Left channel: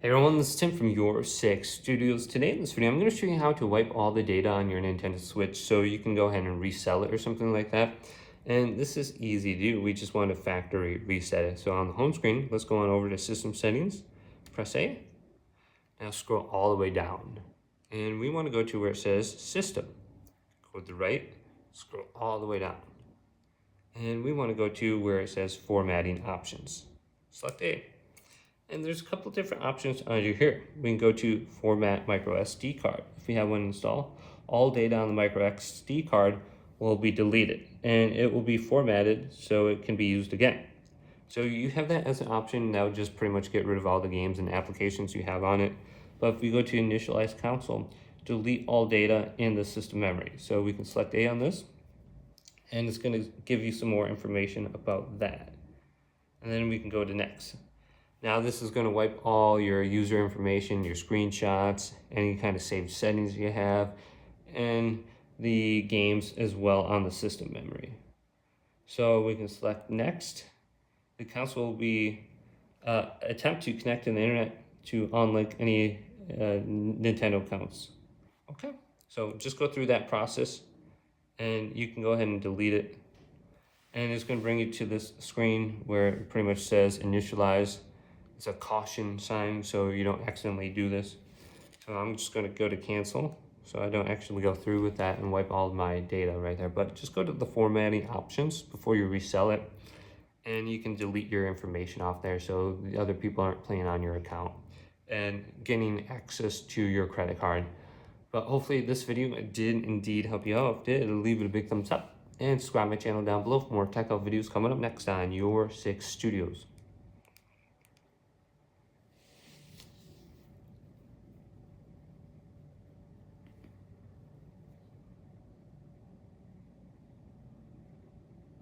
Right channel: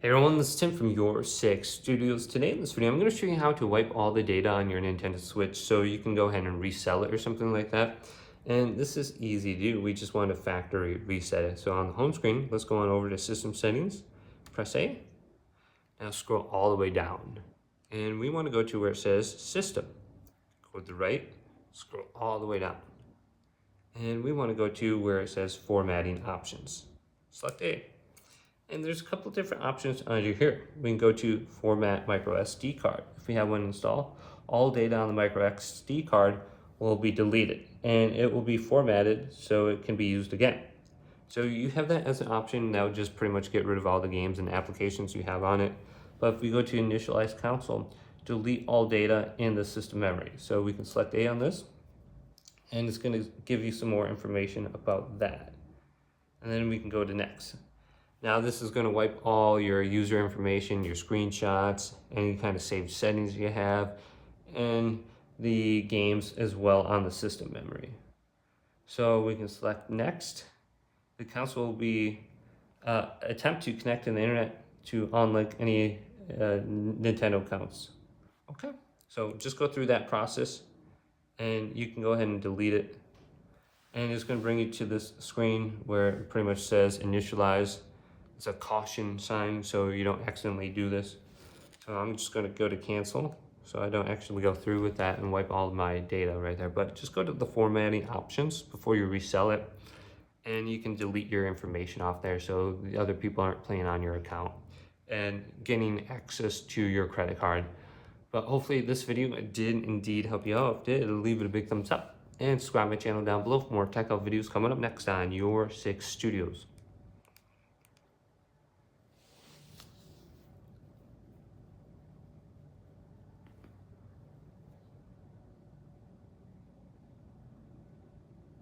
Hey everyone, this is Tim from YourSixGaming. Today in this video, I'm going to show you how to wipe all the data on your Nintendo Switch so you can go ahead and resell it or something like that. And this is easy to do. We just want to factory reset it. So on the home screen, let's go on over to System Settings, press A. Now scroll all the way down. And we want to go to where it says System. Go to the right, scroll all the way down. And we want to go to where it says Formatting Options. Select A. And there's a couple different options under here. We can go to Format Micro SD card. If we have one installed, all data on the micro SD card will be deleted and it will be formatted so it can be used again. So you have that as an option. Now just pretty much get rid of all the games and applications you have on it. But if we go to Initialize Console, delete all data in the system memory. So we can select A on this, and it's going to give you some more information about that. And then we can go to Next. Now this is going to wipe all your user information, your screenshots, any kind of saved settings you have, and the games as well on the system memory. So we can select Next. The console will be attempt to connect to the internet to unlink any Nintendo accounts. Okay, so just go through that process and you can go ahead and delete it. And it's going to bring you to this screen where it pretty much says Initialize. It's a caution sign so you don't accidentally do this. So I'm just going to go to cancel so I don't actually go through with that and wipe all my data right there. But just go to the formatting options before you resell it, and you can delete your information off there so the other people aren't playing on your account and getting access to your credit card. But hopefully this video did indeed help you out. If it did, leave it a big thumbs up and subscribe to my channel down below for more tech out videos coming up next on Your Six Studios.